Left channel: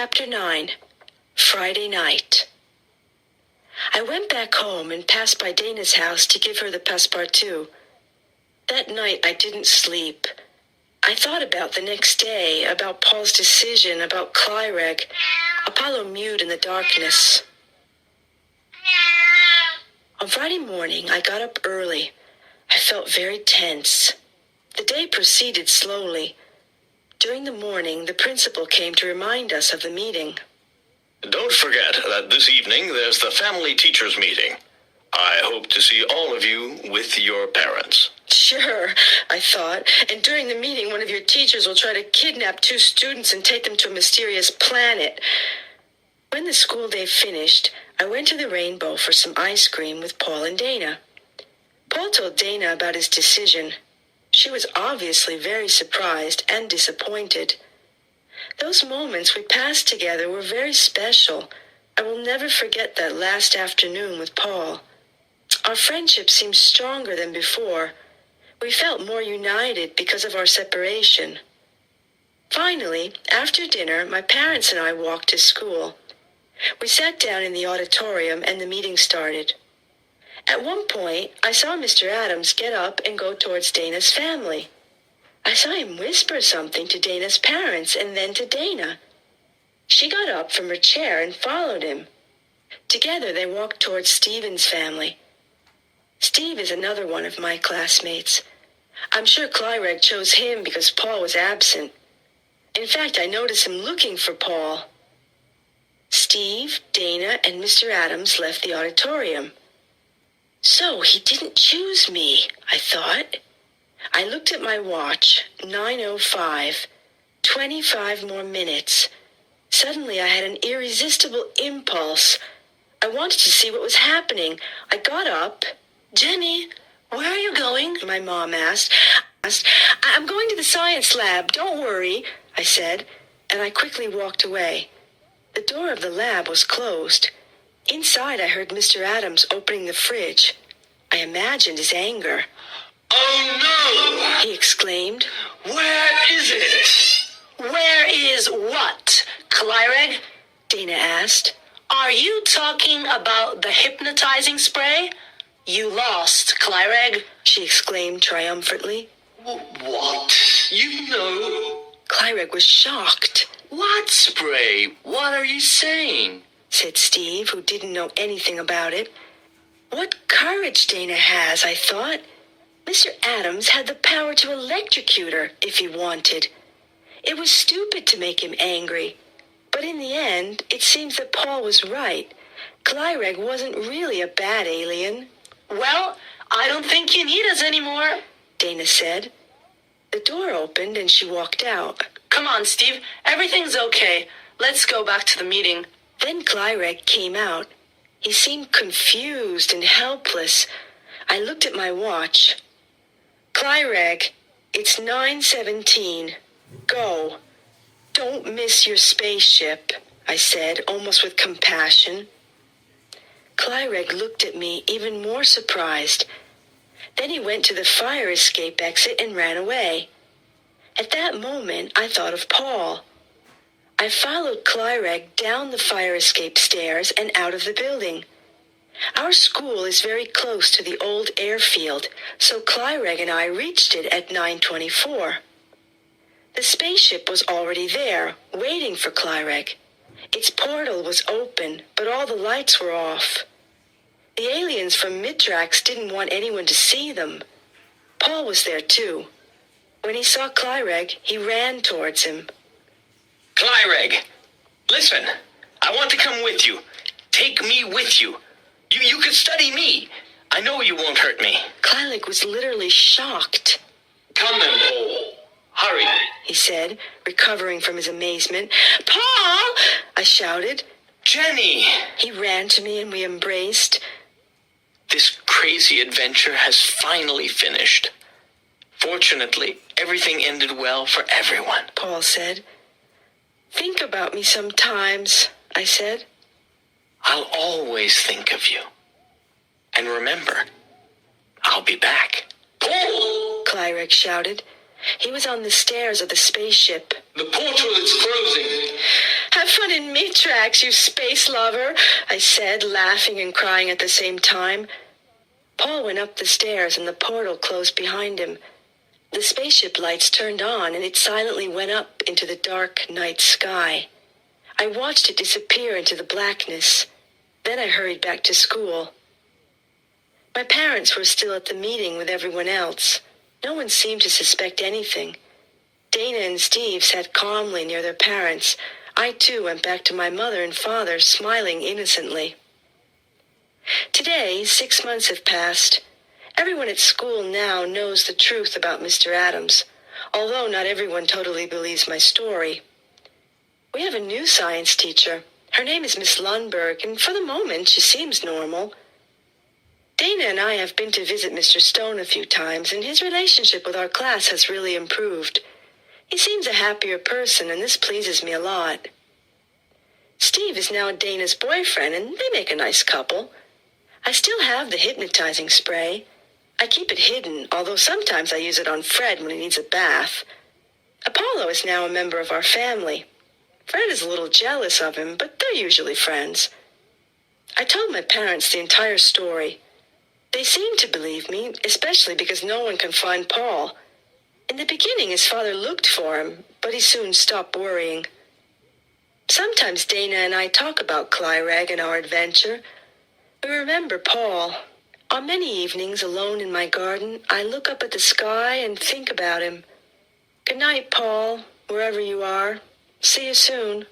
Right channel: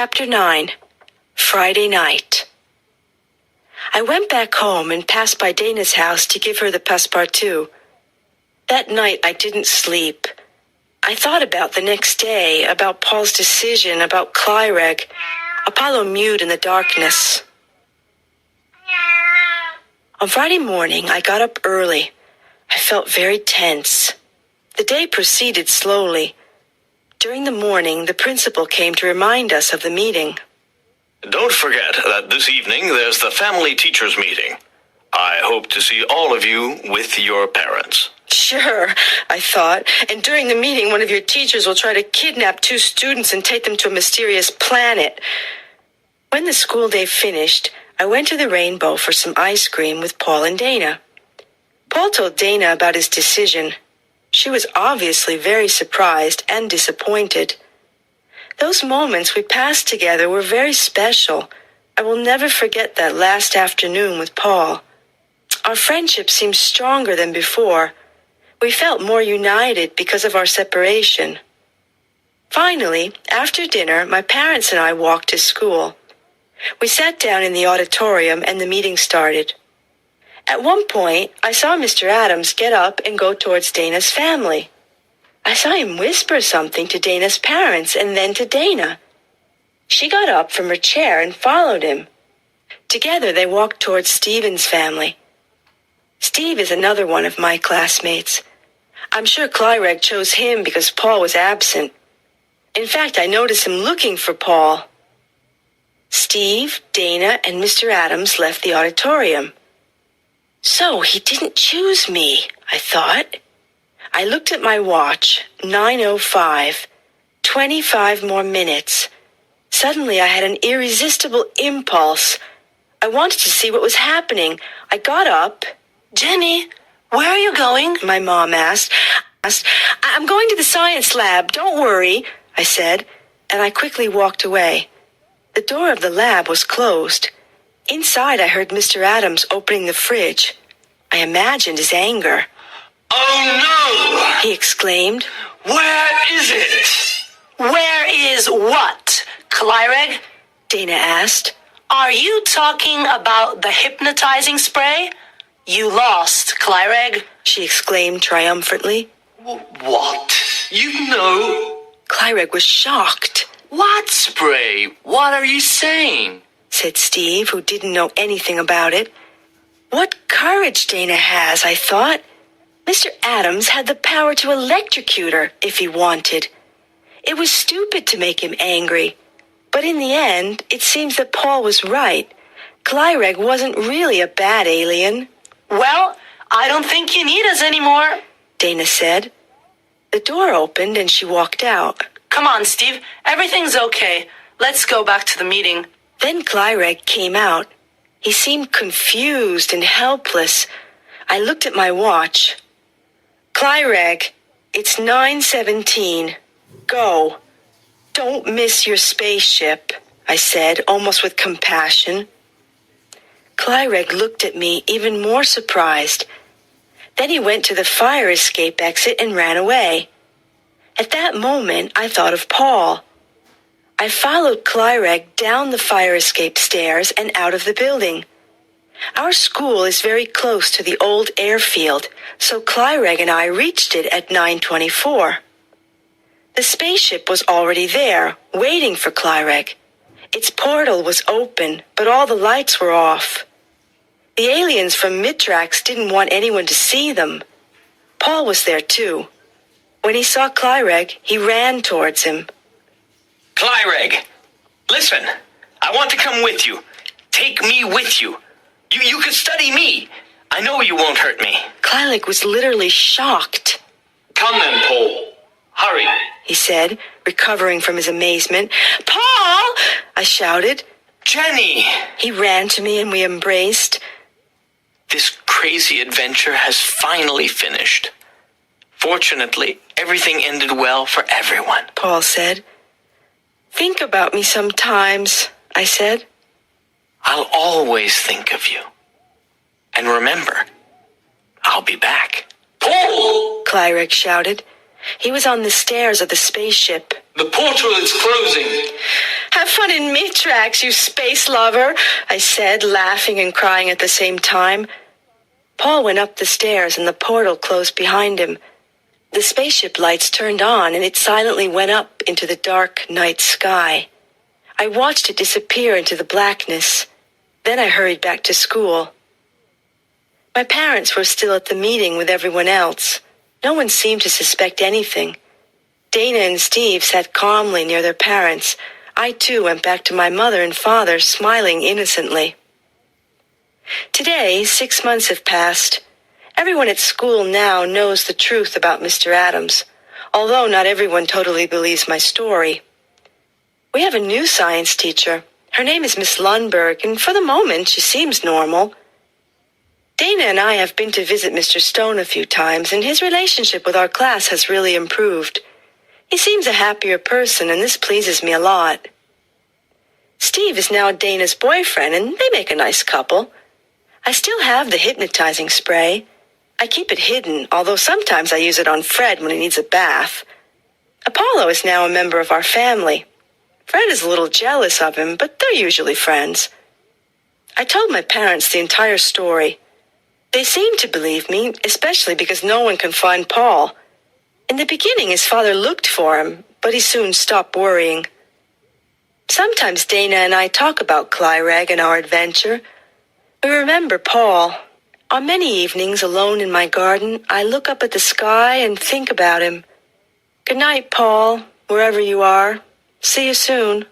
Chapter 9. Friday Night. I went back home and passed by Dana's house to give her the Passepartout. That night I didn't sleep. I thought about the next day, about Paul's decision, about Clyreg. Apollo mewed in the darkness. On Friday morning, I got up early. I felt very tense. The day proceeded slowly. During the morning, the principal came to remind us of the meeting. Don't forget that this evening there's the family teachers meeting. I hope to see all of you with your parents. Sure, I thought. And during the meeting, one of your teachers will try to kidnap 2 students and take them to a mysterious planet. When the school day finished, I went to the Rainbow for some ice cream with Paul and Dana. Paul told Dana about his decision. She was obviously very surprised and disappointed. Those moments we passed together were very special. I will never forget that last afternoon with Paul. Our friendship seemed stronger than before. We felt more united because of our separation. Finally, after dinner, my parents and I walked to school. We sat down in the auditorium and the meeting started. At one point, I saw Mr. Adams get up and go towards Dana's family. I saw him whisper something to Dana's parents and then to Dana. She got up from her chair and followed him. Together, they walked towards Stephen's family. Steve is another one of my classmates. I'm sure Clyreg chose him because Paul was absent. In fact, I noticed him looking for Paul. Steve, Dana, and Mr. Adams left the auditorium. So he didn't choose me, I thought. I looked at my watch, 9:05, 25 more minutes. Suddenly I had an irresistible impulse. I wanted to see what was happening. I got up. Jenny, where are you going? My mom asked. I'm going to the science lab, don't worry, I said, and I quickly walked away. The door of the lab was closed. Inside, I heard Mr. Adams opening the fridge. I imagined his anger. Oh no! He exclaimed. Where is it? Where is what, Clyreg? Dana asked. Are you talking about the hypnotizing spray? You lost, Clyreg, she exclaimed triumphantly. What? You know? Clyreg was shocked. What spray? What are you saying? Said Steve, who didn't know anything about it. What courage Dana has, I thought. Mr. Adams had the power to electrocute her if he wanted. It was stupid to make him angry. But in the end, it seems that Paul was right. Clyreg wasn't really a bad alien. Well, I don't think you need us anymore, Dana said. The door opened and she walked out. Come on, Steve. Everything's okay. Let's go back to the meeting. Then Clyreg came out. He seemed confused and helpless. I looked at my watch. Clyreg, it's 9:17. Go. Don't miss your spaceship, I said, almost with compassion. Clyreg looked at me, even more surprised. Then he went to the fire escape exit and ran away. At that moment, I thought of Paul. I followed Clyreg down the fire escape stairs and out of the building. Our school is very close to the old airfield, so Clyreg and I reached it at 9:24. The spaceship was already there, waiting for Clyreg. Its portal was open, but all the lights were off. The aliens from Mitrax didn't want anyone to see them. Paul was there too. When he saw Clyreg, he ran towards him. Clyreg, listen. I want to come with you. Take me with you. You could study me. I know you won't hurt me. Clyreg was literally shocked. Come then, Paul. Hurry, he said, recovering from his amazement. Paul! I shouted. Jenny! He ran to me and we embraced. This crazy adventure has finally finished. Fortunately, everything ended well for everyone, Paul said. Think about me sometimes, I said. I'll always think of you. And remember, I'll be back. Paul! Clyreg shouted. He was on the stairs of the spaceship. The portal is closing. Have fun in Mitrax, you space lover, I said, laughing and crying at the same time. Paul went up the stairs and the portal closed behind him. The spaceship lights turned on and it silently went up into the dark night sky. I watched it disappear into the blackness. Then I hurried back to school. My parents were still at the meeting with everyone else. No one seemed to suspect anything. Dana and Steve sat calmly near their parents. I too went back to my mother and father, smiling innocently. Today, 6 months have passed. Everyone at school now knows the truth about Mr. Adams, although not everyone totally believes my story. We have a new science teacher. Her name is Miss Lundberg, and for the moment she seems normal. Dana and I have been to visit Mr. Stone a few times, and his relationship with our class has really improved. He seems a happier person, and this pleases me a lot. Steve is now Dana's boyfriend, and they make a nice couple. I still have the hypnotizing spray. I keep it hidden, although sometimes I use it on Fred when he needs a bath. Apollo is now a member of our family. Fred is a little jealous of him, but they're usually friends. I told my parents the entire story. They seemed to believe me, especially because no one can find Paul. In the beginning, his father looked for him, but he soon stopped worrying. Sometimes Dana and I talk about Clyreg and our adventure. We remember Paul. On many evenings, alone in my garden, I look up at the sky and think about him. Good night, Paul, wherever you are. See you soon.